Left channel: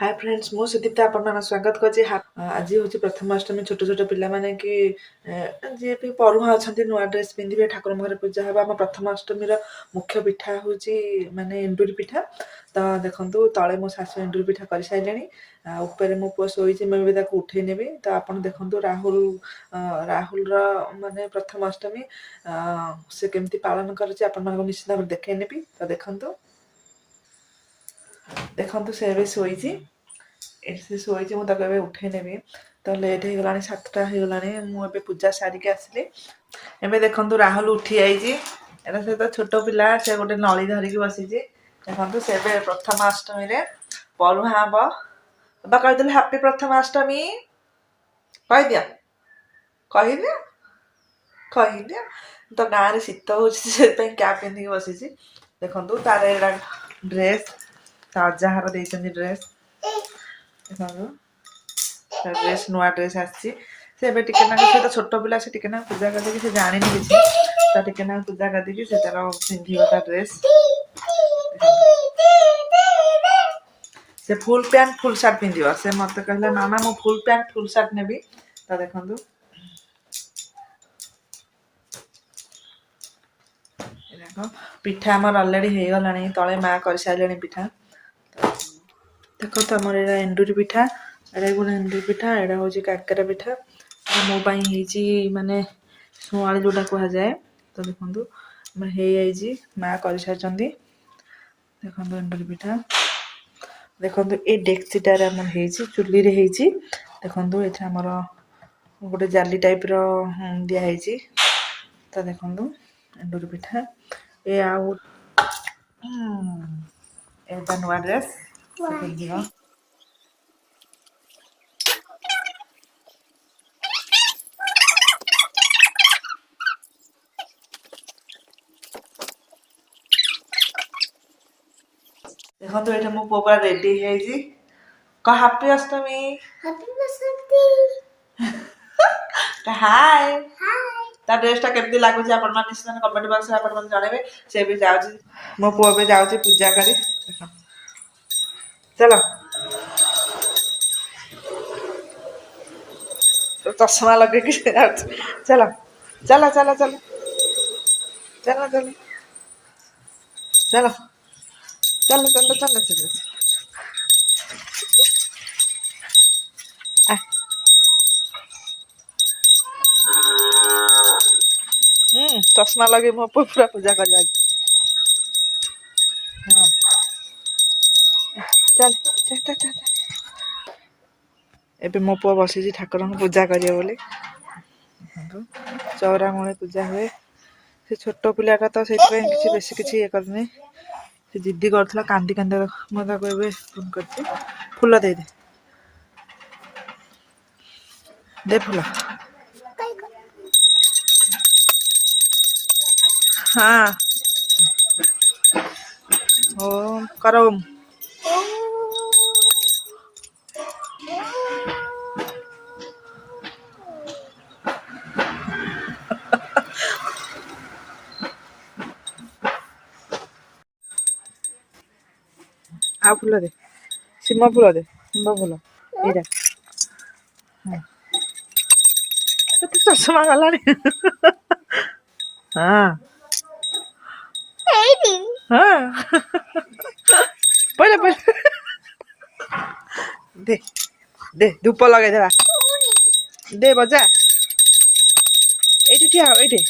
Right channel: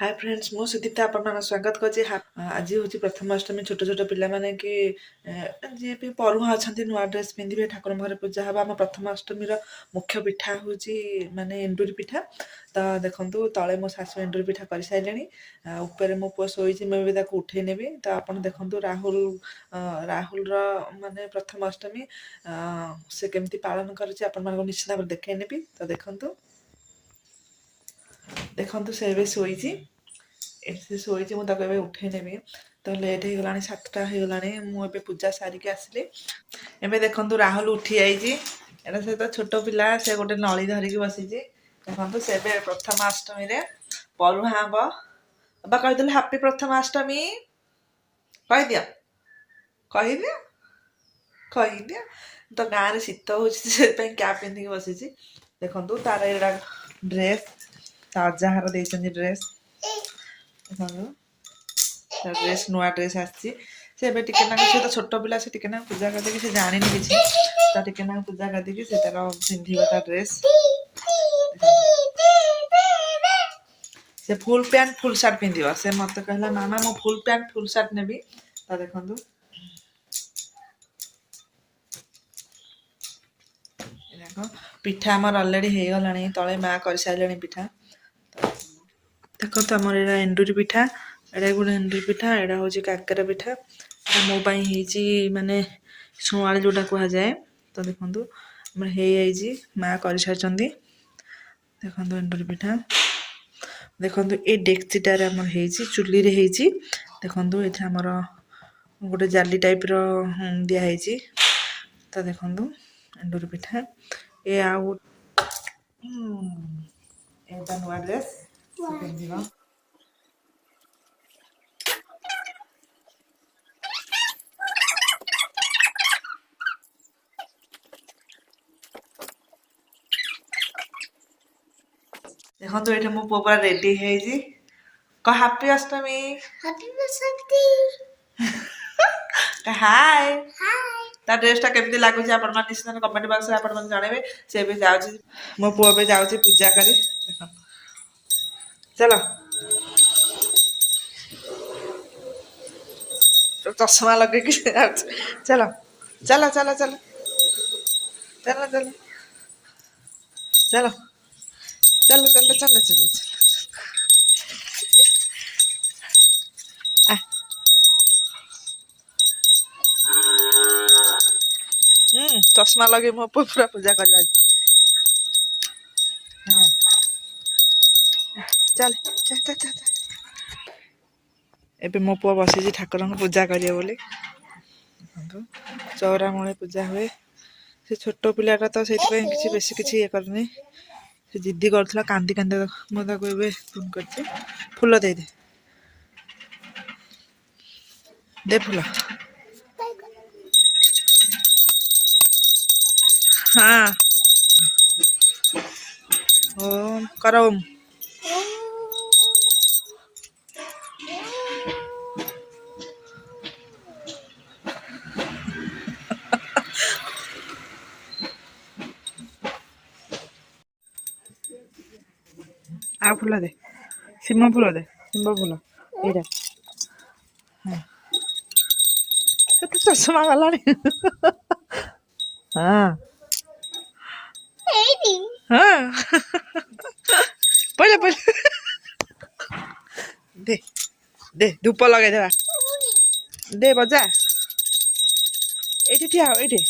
hi friends मो सुदीप्ता आपन स्वागत करछि आज हूँ प्रथमाष्टमी छोट छोट पिला माने कि जे भी परुहा अच्छा नुआ ड्रेस पिंधे ठाकुर घर पूजा हम आम प्रथमाष्टमी मुख्य पिठा हूँ माने एंडुरी पिठा तो देखो तले मो शाशु एंडुरी पिठा कर सारे ऊपर मो पुओ शोची मुझे उठे नेबी तो आप देखो राहुल राहुल माने प्रथमाष्टमी से केमती पालन कर निश्चित भाव देखे नेबी तो देखो देखो से ଏବେ ଶୋଇଛି ଏଠି ସେ ଶୋଇଛି ମୁଁ ତାକୁ ଏବେ ଉଠେଇ ନେବି ତ ଲେଟ୍ ହେଇଗଲାଣି 7ଟା ହେଇଗଲାଣି ମୁଁ ଏବେ ପୂଜା ସାରିକି ଆସିଲି ଏବେ ଦେଖନ୍ତୁ ରାହୁଲ ଉଠି ଯାଇଛି ଏଟା ସେ ତ ଛୋଟ ପିଲା ସେ ଗୋଟେ ନଳି ଧରିକି ବସିଛି ଦେଖନ୍ତୁ ସେ ଏବେ ପ୍ରଥମାଷ୍ଟମୀରେ ପରୁହା ହବ ବାବା କହିଦେଲେ ହାପି ପ୍ରଥମାଷ୍ଟମୀ କହିଦିଅ କହିଦିଅ କହିଦିଅ ତ ଗାଁରେ ଶୀତ ହେଉଛି ସେଥିପାଇଁ କ୍ୟାପ୍ ପିନ୍ଧିକି ବସିଛି ଦେଖନ୍ତୁ ତାର ଏଇଟା ଡ୍ରେସ୍ ତା ଅଜାହାର ଦେଇଛନ୍ତି ଡ୍ରେସ୍ ଦେଖନ୍ତୁ ତା ଡ୍ରେସ୍ ନୂଆ ଡ୍ରେସ୍ ଆସିଛି ସେ ଏବେ ଟିକେ ନାକୁ ସେ ତ ଛୋଟ ପିଲା ସେ ଟିକେ ନାକୁ ପୂଜା କରିଦେଇକି ସେ ଜାଣିନି କିଛି ତ ଟିକେ ନାକୁ ପୂଜା କରିଦେଇକି ସେ ତାର ପିନ୍ଧିବ ତା ଡ୍ରେସ୍ ସେ ଫୁଲ୍ ପ୍ୟାଣ୍ଟ ଫୁଲ୍ ସାର୍ଟ ପିନ୍ଧିବ ସେ ମୋତେ କହିଲା ମାମା ମୁଁ ଫୁଲ୍ ପ୍ୟାଣ୍ଟ ଫୁଲ୍ ସାର୍ଟ ନେବି ତ ଦେଖନ୍ତୁ ପିଠା ଆମର ଅଲରେଡ଼ି ହେଇଗଲାଣି ତଳେ ମା କରିସାରିଲେଣି ପିଠା ଦେଖନ୍ତୁ ଆମର ଏଇଟା ଏଣ୍ଡୁରି ପିଠା ଏଇଟା ଗୋଟେ ଏଣ୍ଡୁରି ପିଠା ଏଇଟା ହେଉଛି କାକେରା ପିଠା ମୋ ପାଇଁ ହେଇଛି ମାନେ ଶୁଆଳି ଯେଉଁଟା କୁହାଯାଏ ତ ଦେଖନ୍ତୁ ଆମର ହେଇଯାଇଛି ମା କରିସାରିଛନ୍ତି ଦେଖନ୍ତୁ ଏଣ୍ଡୁରି ପିଠା ଦେଖନ୍ତୁ ଏ ଡେକ୍ଚିଟାରେ ଆମର ହେଇଛି ଚୁଲିରେ ହେଇଛି ଦେଖନ୍ତୁ ଏଥିରେ ଆମର ଗୋଟେ ଜାଲି ଟାଇପ୍ର ଦିଆହେଇଛି ତ ଦେଖନ୍ତୁ ଏଣ୍ଡୁରି ପିଠା ଏ ଆଉ ଏଇଟା ନୂଆ ଡ୍ରେସ୍ ପିନ୍ଧିବ ଦେଖନ୍ତୁ ଏଇଠି ମୋ ପୁଅ ପୁରା ରେଡି ହେଇଯାଇଛି କହ ହାପି ଅଷ୍ଟମୀ ହାଏ ତା ଡ୍ରେସଟା କେମିତି ଲାଗୁଛି ଆପଣ ନିଶ୍ଚିତ କମେଣ୍ଟ ବକ୍ସରେ ଆପଣ ମୋତେ ଜଣେଇବେ ସେ ବି ଯାଉଛି ମୋ ପୁଅ ଏବେ ଯାଉଛି ପୂଜା କରି ଚାଲ ଚଷମା ଲଗେଇକି ସେ ଯାଉଛି ଚାଲ ଚାଲ ଚାଲ ଚାଲ ଚାଲ ଚାଲ ଚାଲ ଚାଲ ଚାଲ ଚାଲ ଚାଲ ଚଷମା ଲଗେଇ ମୋ ପୁଅ ପୁରା ପୂଜା କରିବା ହଁ ଚାଲ ଏବେ ମୋ ପୁଅ ବସିଛି ଠାକୁରଙ୍କୁ ପୂଜା କରିବ ବୋଲି ଚଉରା ମୂଳେ ପୂଜା ହୁଏ ସେ ଛୋଟ ପିଲାଟା ତ ସେଇଥିପାଇଁ କିଛି ବେଶୀ କିଛି ଇଏ କରୁନି ସେ ଜିଦ୍ଦି କରୁଥିଲା କାନ୍ଦି କାନ୍ଦି ମୁଁ ତାକୁ ଏବେ ଫୋନ୍ କରିଛି ଫୁଲ ଦେଇଦେ ଦେ ଫୁଲ ହଁ ଓମ୍ କର ଓମ୍ ଆଉ ଫୁଲ ଦେ ଶିମ ଫୁଲ ଦେ ଶିମ ଫୁଲ ଏଇଟା କେତେ ଚଷମା ଗଲାଣି ହଁ ହଁ ପଇଲା ପଇଲା ଦେ ଦେ ଧୂପ ଲଗେଇଦେବା ଦେ ବଜା ଏଇଠି ଠିଆ ହବ ଏଇଠି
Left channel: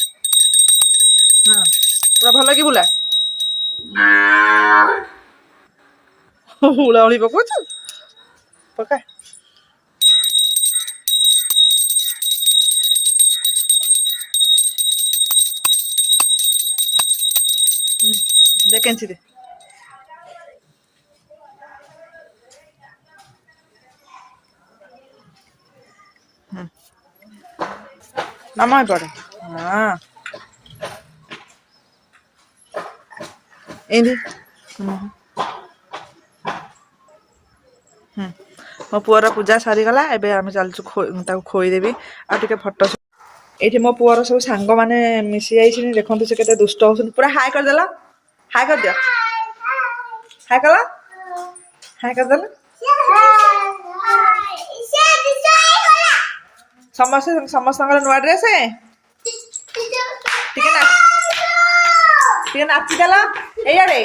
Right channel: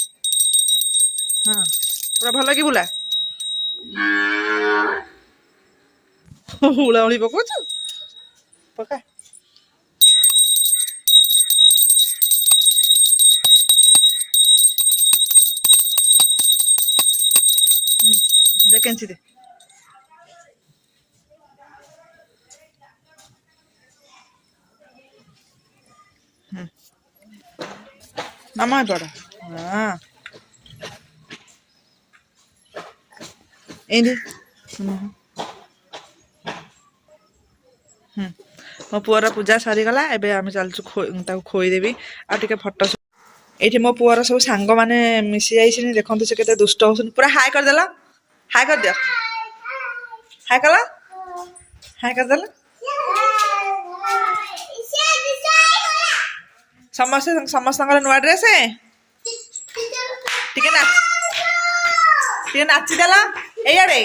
ହଁ ପୁରା ଭଲ କି ବୁଲା ହୁଳାହୁଳି ପକଉଛୁ ପକା ଦେ କେଞ୍ଚି ଦେ ମାମା ଏପଟେ ହଁ ଏଇଠି ମୋ ପୁଅର ପୂଜା ସରିଗଲା ଏବେ ଆମେ ଚାଲିଛୁ ତାକୁ ଖୋଇଦେବି ଆଉ ଟିକେ ଫଟୋ ଏଇଠି ମୋ ପୁଅର ସବୁ ସାଙ୍ଗମାନେ ମିଶି ଯାଇଛନ୍ତି ଦେଖନ୍ତୁ ସେ କେତେ ଦୁଷ୍ଟ ହଉଛନ୍ତି ପୁରା ହାଇ କରିଦେଲ ହାଇ କରିଦିଅ ହାଇ କଲ ହାଇ କରିଦେଲ समस्त समस्त नुआ ड्रेस नाचिदेल एइयाड़े